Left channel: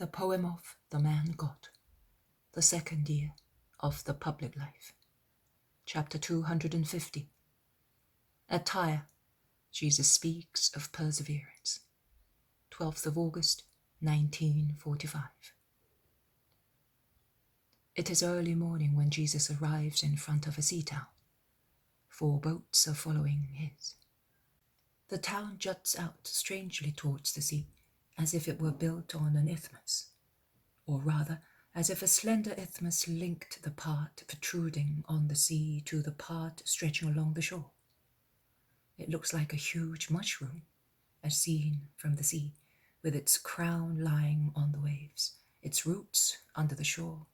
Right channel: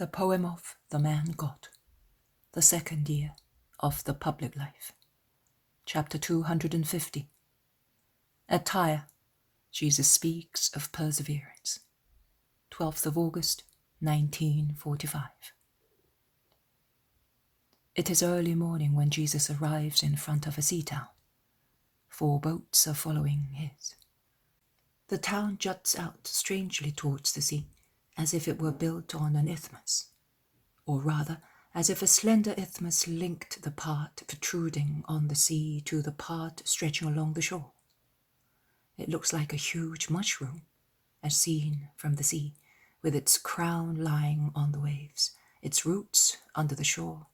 The poem of the man God, the second year of the public life. Chapter 250. At Tyre, Jesus speaks of perseverance. 12th of August, 1945. It is early morning when Jesus arrives in front of a sea town. 4 boats are following his. The town juts out strangely towards the sea, as if it were built on an isthmus, or rather, as if a slender isthmus linked the part protruding on the sea to the part stretching along the shore. It looks like a huge mushroom, as seen from the sea, with its crown lying on the waves, its roots under the shore,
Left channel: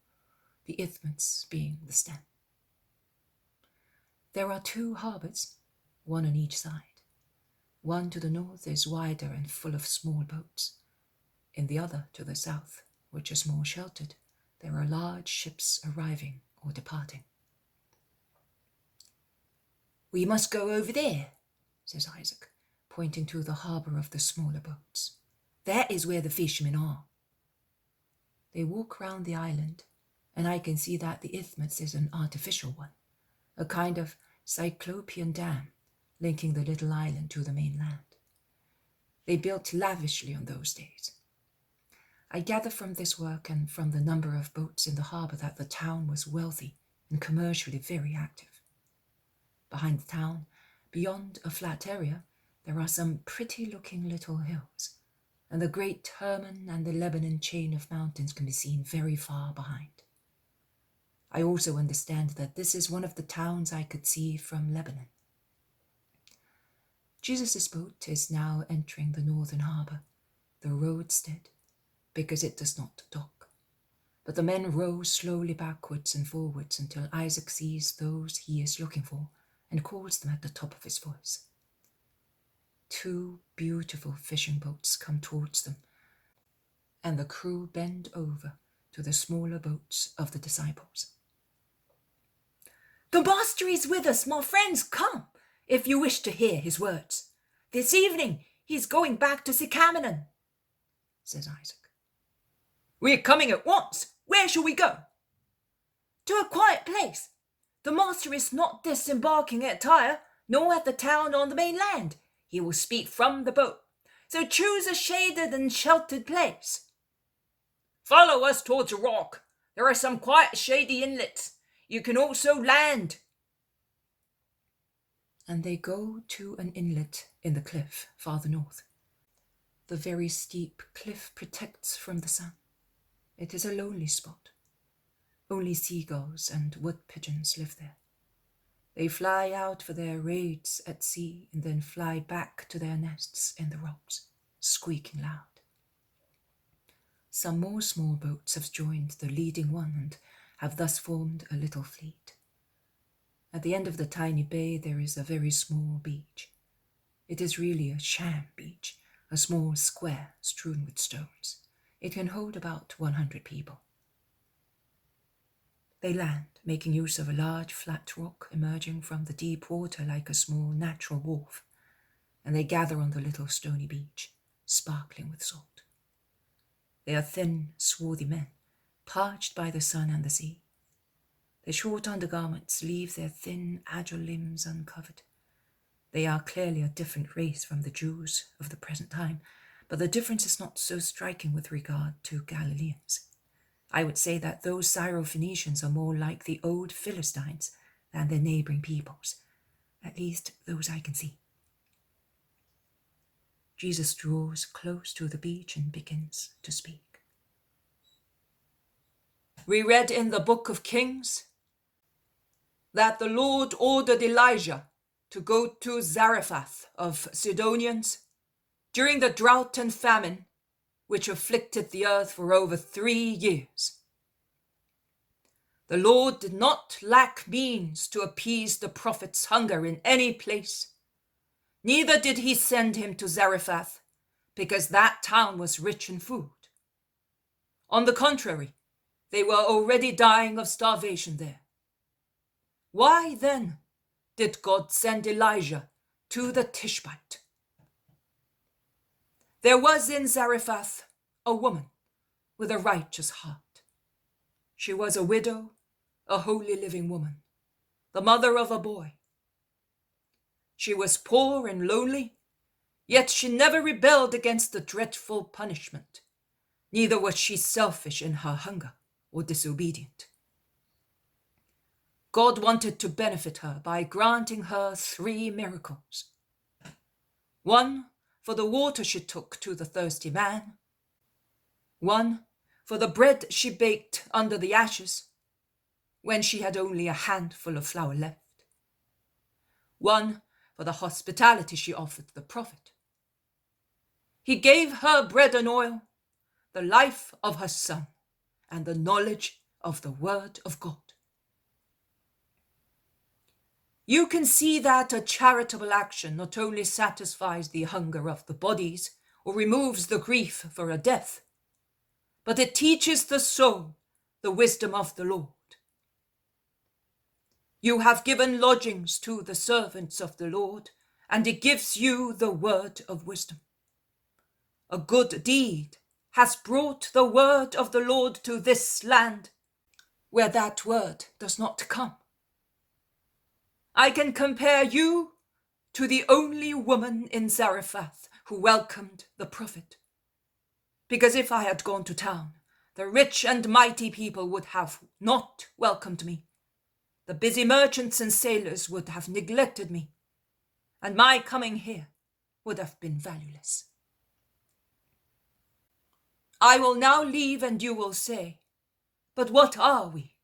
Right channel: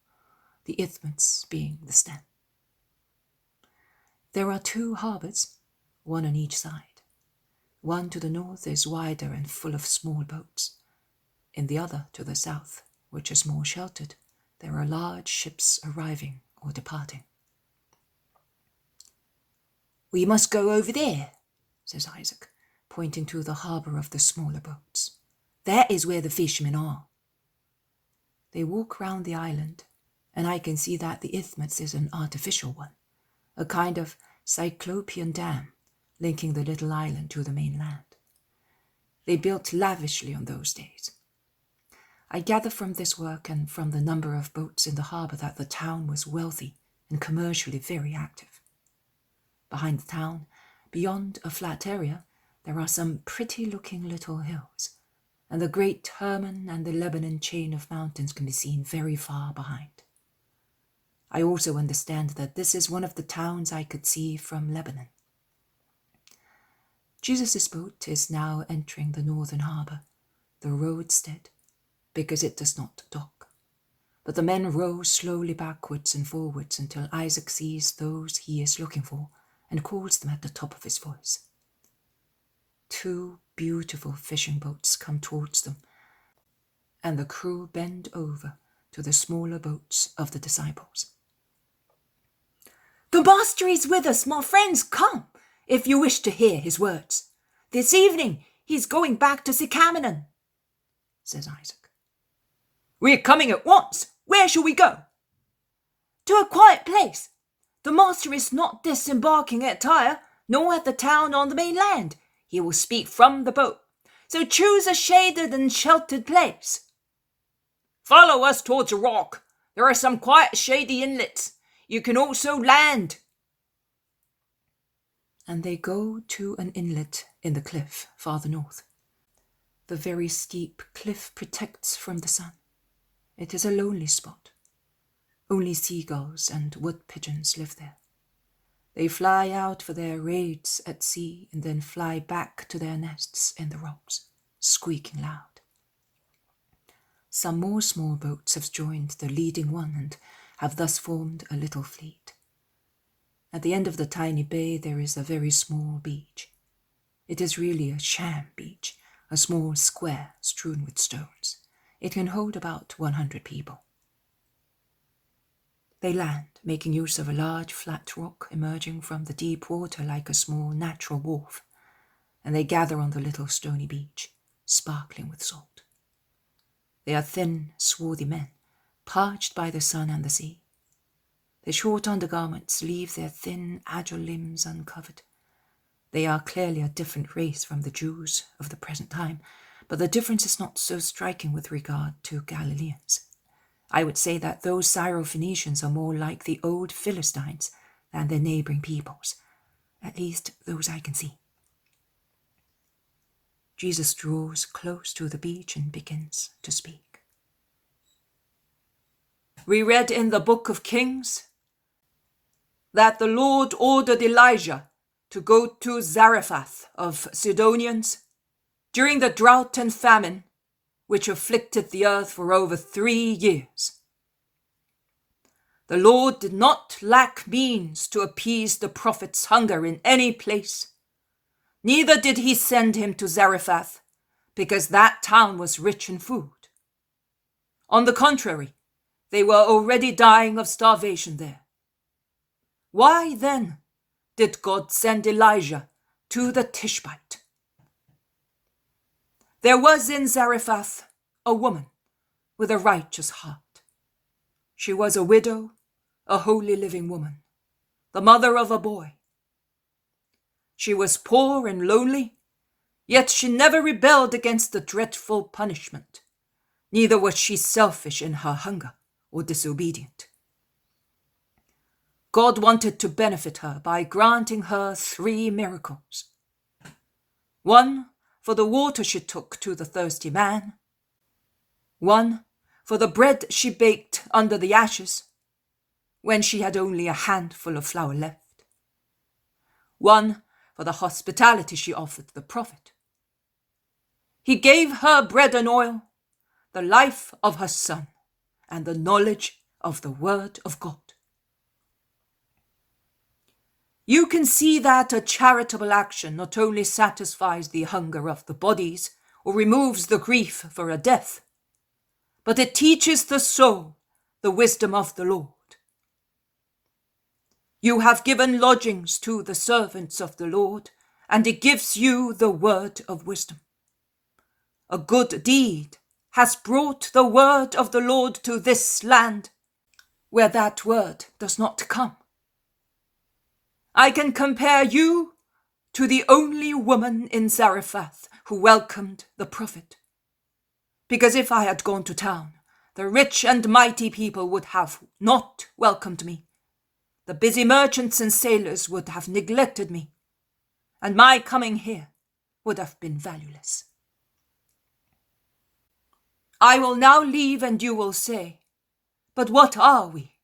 the isthmus being the stem. There are 2 harbours, one on each side. One to the north is wider and full of small boats. In the other, to the south, which is more sheltered, there are large ships arriving or departing. "We must go over there," says Isaac, pointing to the harbour of the smaller boats. "That is where the fishermen are." They walk round the island, and I can see that the isthmus is an artificial one, a kind of cyclopean dam linking the little island to the mainland. They built lavishly on those days. I gather from this work and from the number of boats in the harbour that the town was wealthy and commercially very active. Behind the town, beyond a flat area, there are some pretty-looking little hills, and the great Hermon and the Lebanon chain of mountains can be seen very far behind. I also understand that this is one of the towns I could see from Lebanon. Jesus' boat is now entering the northern harbour, the roadstead, because it does not dock. But the men row slowly backwards and forwards until Isaac sees those he is looking for and calls them at the top of his voice. 2 beautiful fishing boats come towards them, and the crew bend over to the smaller boats of the disciples. "The master is with us, my friends, come, if you wish to hear his words. This evening he's going back to Sycamnon," says Isaac. "We're coming at once. Where shall we go?" "To a quiet place. The master is not disembarking at Tyre, nor at the town on the mainland. He will speak from the boat. So choose a shaded and sheltered place." "Follow us towards a rock. There are some quiet shady inlets. You can also land." And they go to an inlet in the cliff farther north. The very steep cliff protects from the sun. It is a lonely spot. Only seagulls and wood pigeons live there. They fly out for their raids at sea and then fly back to their nests in the rocks, squeaking loud. Some more small boats have joined the leading one and have thus formed a little fleet. At the end of the tiny bay there is a very small beach. It is really a sham beach, a small square strewn with stones. It can hold about 100 people. They land, making use of a large flat rock emerging from the deep water like a small natural wharf, and they gather on the little stony beach, sparkling with salt. They are thin, swarthy men, parched by the sun and the sea. Their short undergarments leave their thin, agile limbs uncovered. They are clearly a different race from the Jews of the present time, but the difference is not so striking with regard to Galileans. I would say that those Syrophoenicians are more like the old Philistines than their neighbouring peoples, at least those I can see. Jesus draws close to the beach and begins to speak. "We read in the book of Kings that the Lord ordered Elijah to go to Zarephath of Sidonians during the drought and famine which afflicted the earth for over 3 years. The Lord did not lack means to appease the prophet's hunger in any place. Neither did he send him to Zarephath, because that town was rich in food. On the contrary, they were already dying of starvation there. Why then did God send Elijah to the Tishbite? There was in Zarephath a woman with a righteous heart. She was a widow, a holy living woman, the mother of a boy. She was poor and lonely, yet she never rebelled against the dreadful punishment. Neither was she selfish in her hunger or disobedient. God wanted to benefit her by granting her 3 miracles. 1 for the water she took to the thirsty man, 1 for the bread she baked under the ashes when she had only a handful of flour left, 1 for the hospitality she offered the prophet. He gave her bread and oil, the life of her son, and the knowledge of the word of God. You can see that a charitable action not only satisfies the hunger of the bodies or removes the grief for a death, but it teaches the soul the wisdom of the Lord. You have given lodgings to the servants of the Lord, and it gives you the word of wisdom. A good deed has brought the word of the Lord to this land, where that word does not come. I can compare you to the only woman in Zarephath who welcomed the prophet. Because if I had gone to town, the rich and mighty people would have not welcomed me. The busy merchants and sailors would have neglected me, and my coming here would have been valueless. I will now leave, and you will say, but what are we?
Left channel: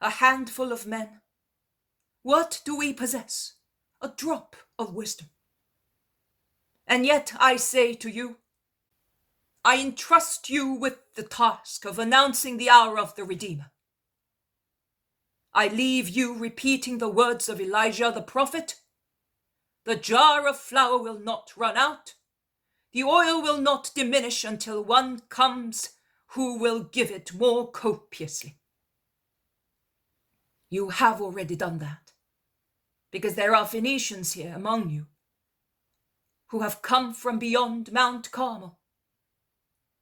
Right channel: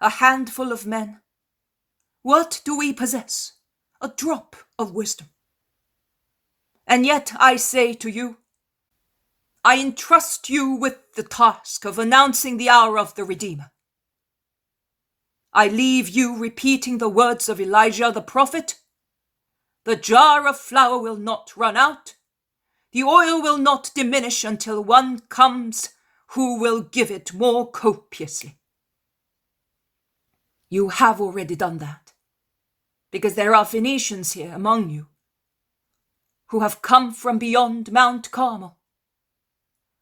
A handful of men? What do we possess? A drop of wisdom. And yet I say to you, I entrust you with the task of announcing the hour of the Redeemer. I leave you repeating the words of Elijah the prophet. The jar of flour will not run out. The oil will not diminish until one comes who will give it more copiously. You have already done that, because there are Phoenicians here among you who have come from beyond Mount Carmel,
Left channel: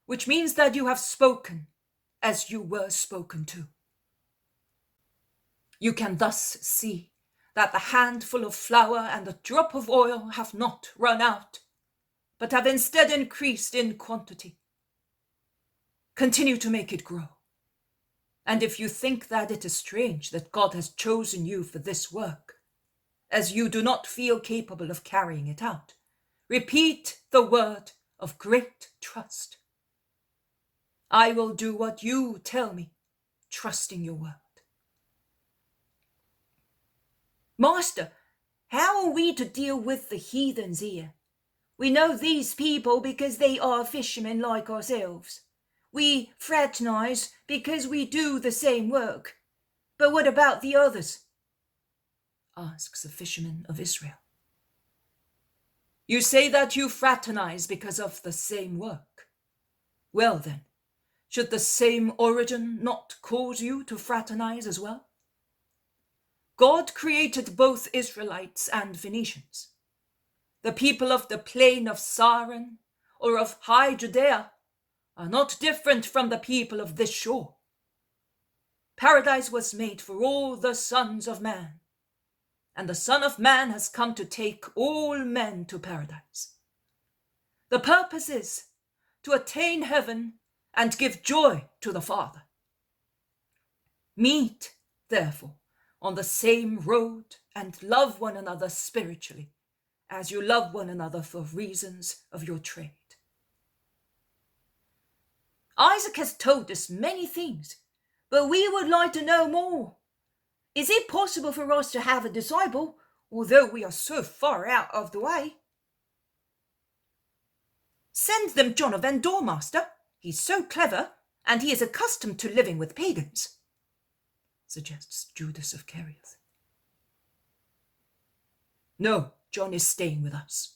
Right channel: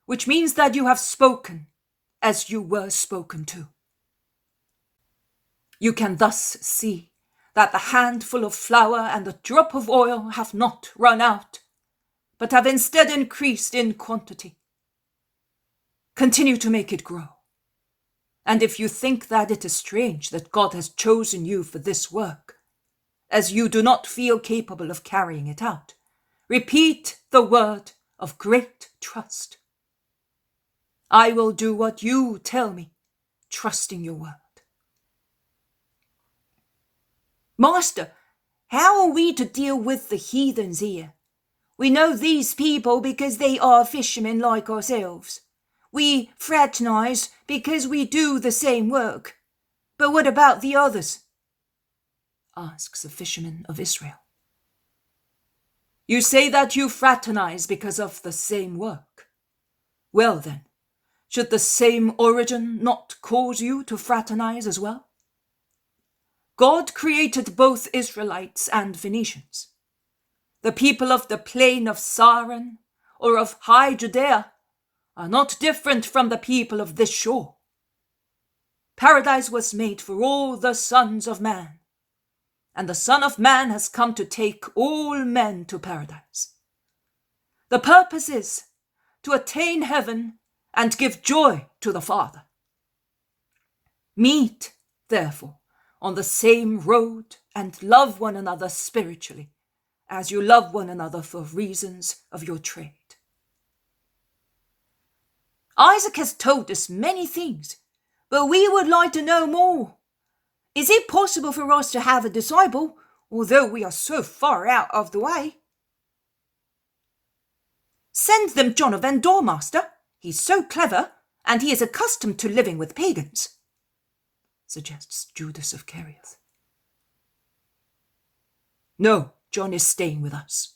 which means that you have spoken as you were spoken to. You can thus see that the handful of flour and the drop of oil have not run out, but have instead increased in quantity. Continue to make it grow. And if you think that it is strange that God has chosen you for this work, as you do not feel capable of carrying it out, repeat the word of great trust. I will do what you tell me, trusting your word. Master, how are we to deal with the heathens here? We know these people because they are fishermen like ourselves. We fraternize because we do the same work. But what about the others? Asks a fisherman of Israel. You say that you fraternize because of the same work. Well then, should the same origin not cause you to fraternize as well? God created both Israelites and Phoenicians. The people of the plain of Saron or of high Judea are not different from the people of this shore. Paradise was made for all the sons of man, and the Son of Man has come to take all men to paradise. The purpose is to attain heaven and give joy to the Father. Meet, therefore, on the same road and love one another spiritually, as you love one another for reasons of your trade. Isaac has told us many things, but we would like to know more. Is it possible for us to have a disciple, although we are so far out of the way? Send them John of Endor, master. He's so clever, and he is accustomed to living with pagans, suggests Judas of Kerioth. No, John is staying with us,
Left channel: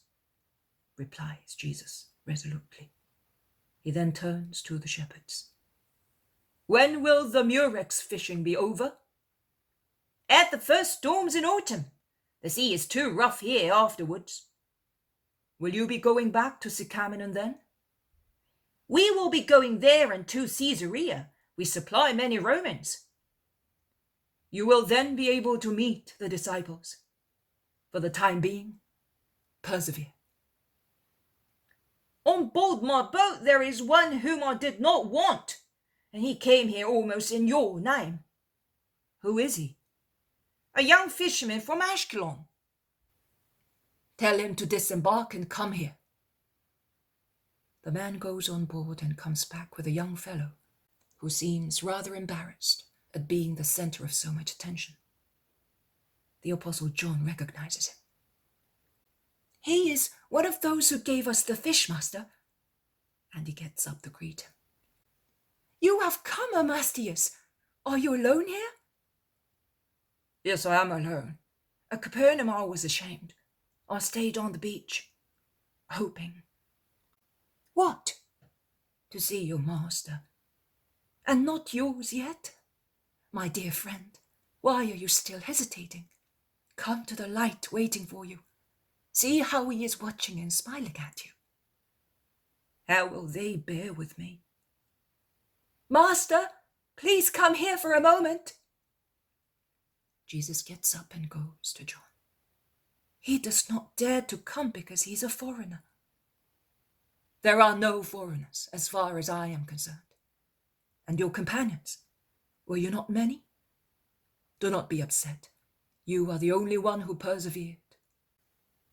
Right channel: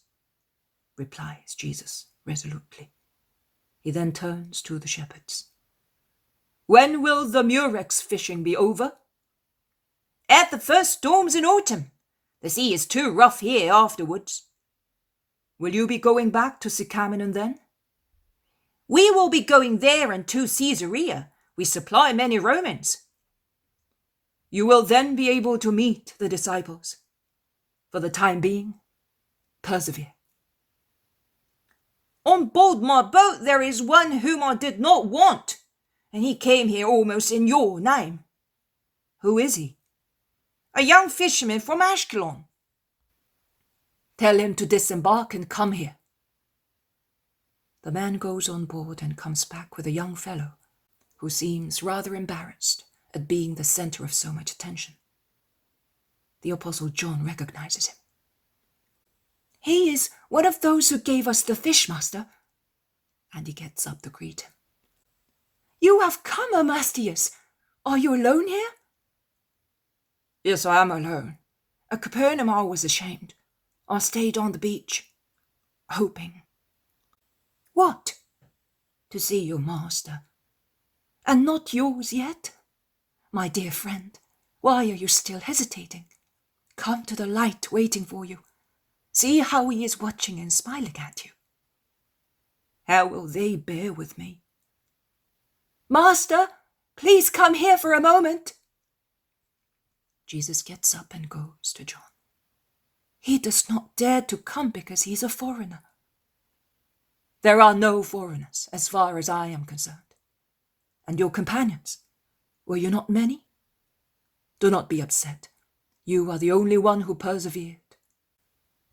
replies Jesus resolutely. He then turns to the shepherds. When will the murex fishing be over? At the first storms in autumn. The sea is too rough here afterwards. Will you be going back to Sycamnon then? We will be going there and to Caesarea. We supply many Romans. You will then be able to meet the disciples. For the time being, persevere. On board my boat there is one whom I did not want, and he came here almost in your name. Who is he? A young fisherman from Ashkelon. Tell him to disembark and come here. The man goes on board and comes back with a young fellow who seems rather embarrassed at being the center of so much attention. The Apostle John recognizes him. He is one of those who gave us the fish, Master. And he gets up to greet him. You have come, Amastius. Are you alone here? Yes, I am alone. At Capernaum I was ashamed. I stayed on the beach, hoping. What? To see your master. And not yours yet? My dear friend, why are you still hesitating? Come to the light waiting for you. See how he is watching and smiling at you. How will they bear with me? Master, please come here for a moment. Jesus gets up and goes to John. He does not dare to come because he's a foreigner. There are no foreigners as far as I am concerned. And your companions, were you not many? Do not be upset. You are the only one who persevered.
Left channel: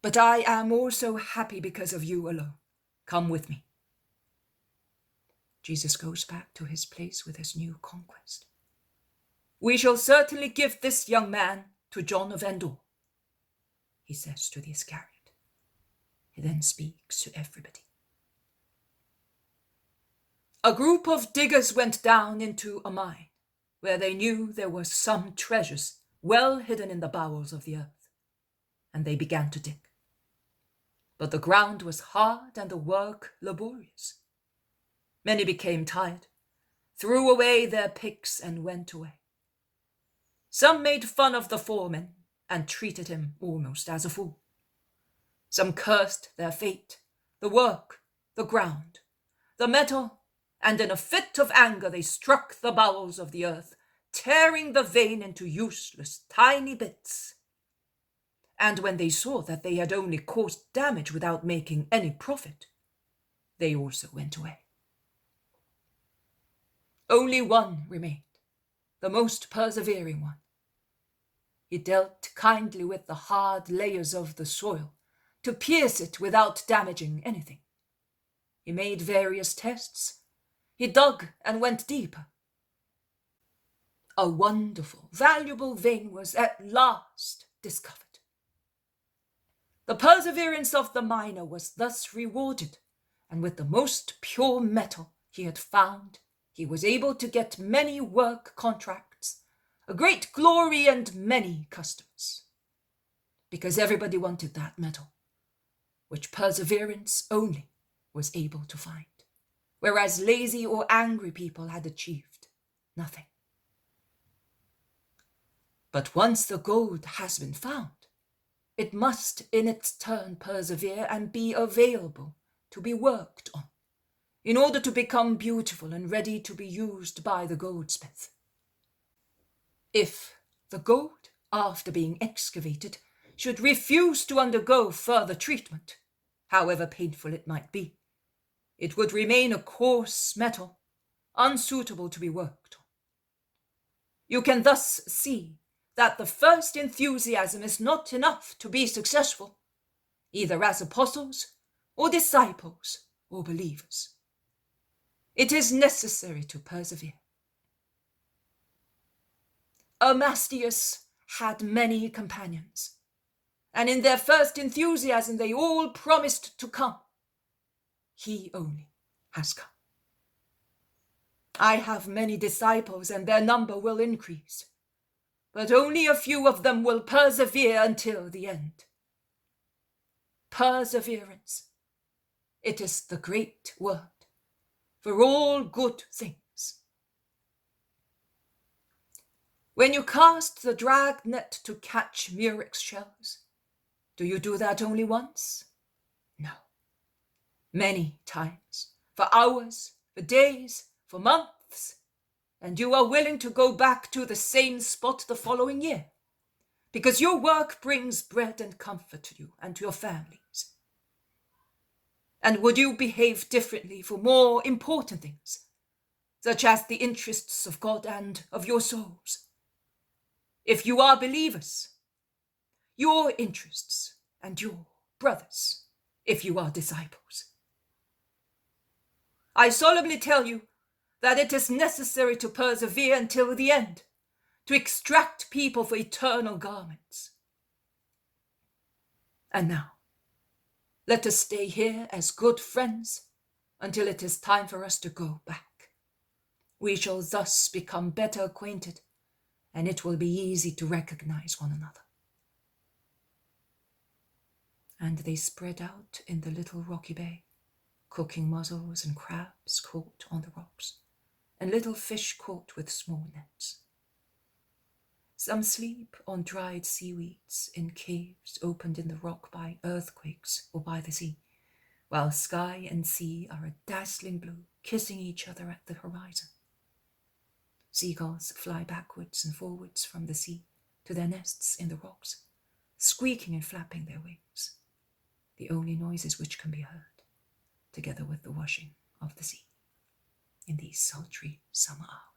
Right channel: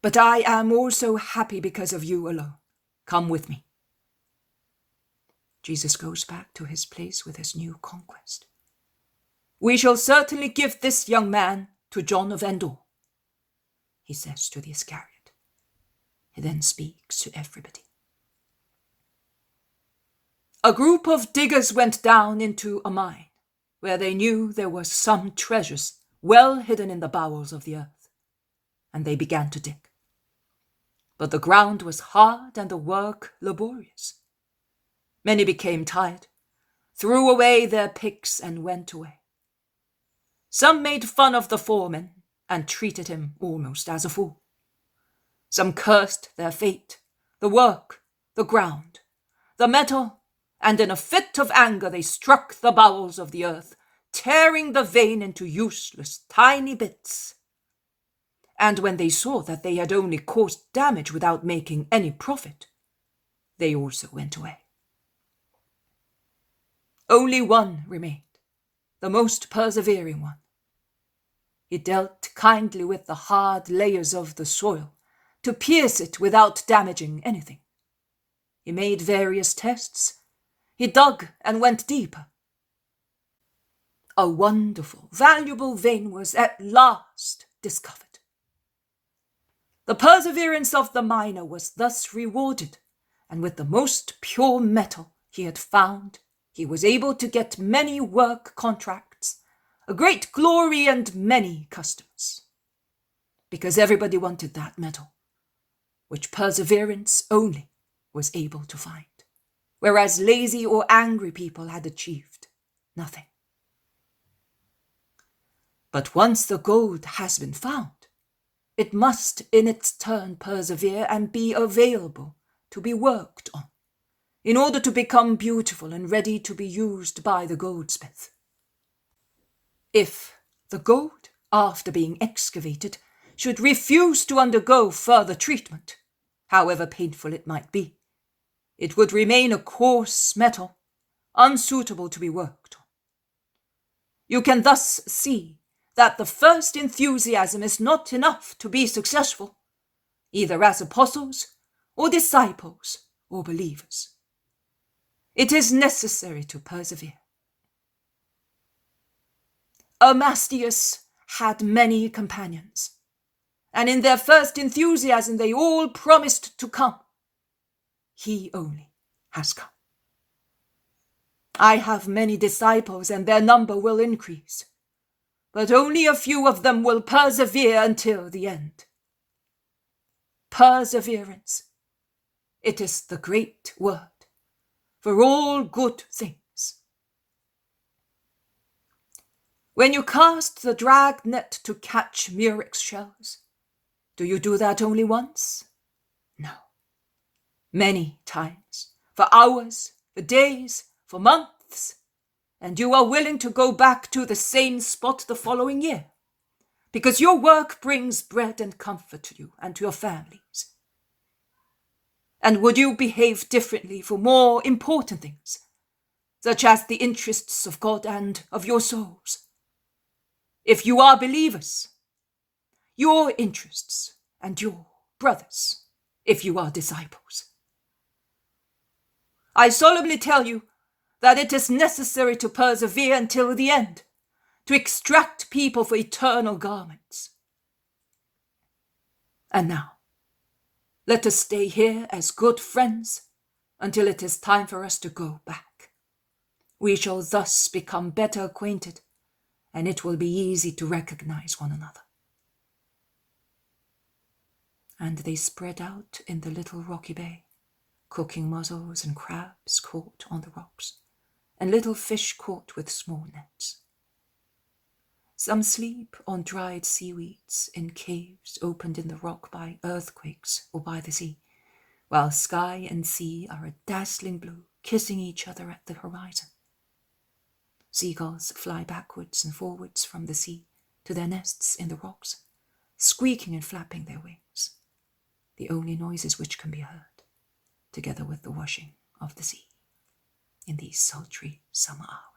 But I am also happy because of you alone. Come with me. Jesus goes back to his place with his new conquest. We shall certainly give this young man to John of Endor, he says to the Iscariot. He then speaks to everybody. A group of diggers went down into a mine, where they knew there were some treasures well hidden in the bowels of the earth, and they began to dig. But the ground was hard and the work laborious. Many became tired, threw away their picks and went away. Some made fun of the foreman and treated him almost as a fool. Some cursed their fate, the work, the ground, the metal, and in a fit of anger they struck the bowels of the earth, tearing the vein into useless tiny bits. And when they saw that they had only caused damage without making any profit, they also went away. Only one remained, the most persevering one. He dealt kindly with the hard layers of the soil to pierce it without damaging anything. He made various tests. He dug and went deeper. A wonderful, valuable vein was at last discovered. The perseverance of the miner was thus rewarded, and with the most pure metal he had found, he was able to get many work contracts, a great glory, and many customers. Because everybody wanted that metal, which perseverance only was able to find, whereas lazy or angry people had achieved nothing. But once the gold has been found, it must in its turn persevere and be available to be worked on, in order to become beautiful and ready to be used by the goldsmith. If the gold, after being excavated, should refuse to undergo further treatment, however painful it might be, it would remain a coarse metal, unsuitable to be worked on. You can thus see that the first enthusiasm is not enough to be successful, either as apostles or disciples or believers. It is necessary to persevere. Amastius had many companions, and in their first enthusiasm they all promised to come. He only has come. I have many disciples, and their number will increase, but only a few of them will persevere until the end. Perseverance. It is the great word for all good things. When you cast the drag net to catch murex shells, do you do that only once? No. Many times, for hours, for days, for months, and you are willing to go back to the same spot the following year, because your work brings bread and comfort to you and to your families. And would you behave differently for more important things, such as the interests of God and of your souls? If you are believers, your interests and your brothers, if you are disciples. I solemnly tell you that it is necessary to persevere until the end, to extract people for eternal garments. And now, let us stay here as good friends until it is time for us to go back. We shall thus become better acquainted, and it will be easy to recognize one another. And they spread out in the little rocky bay, cooking mussels and crabs caught on the rocks, and little fish caught with small nets. Some sleep on dried seaweeds in caves opened in the rock by earthquakes or by the sea, while sky and sea are a dazzling blue, kissing each other at the horizon. Seagulls fly backwards and forwards from the sea to their nests in the rocks, squeaking and flapping their wings, the only noises which can be heard, together with the washing of the sea in these sultry summer hours.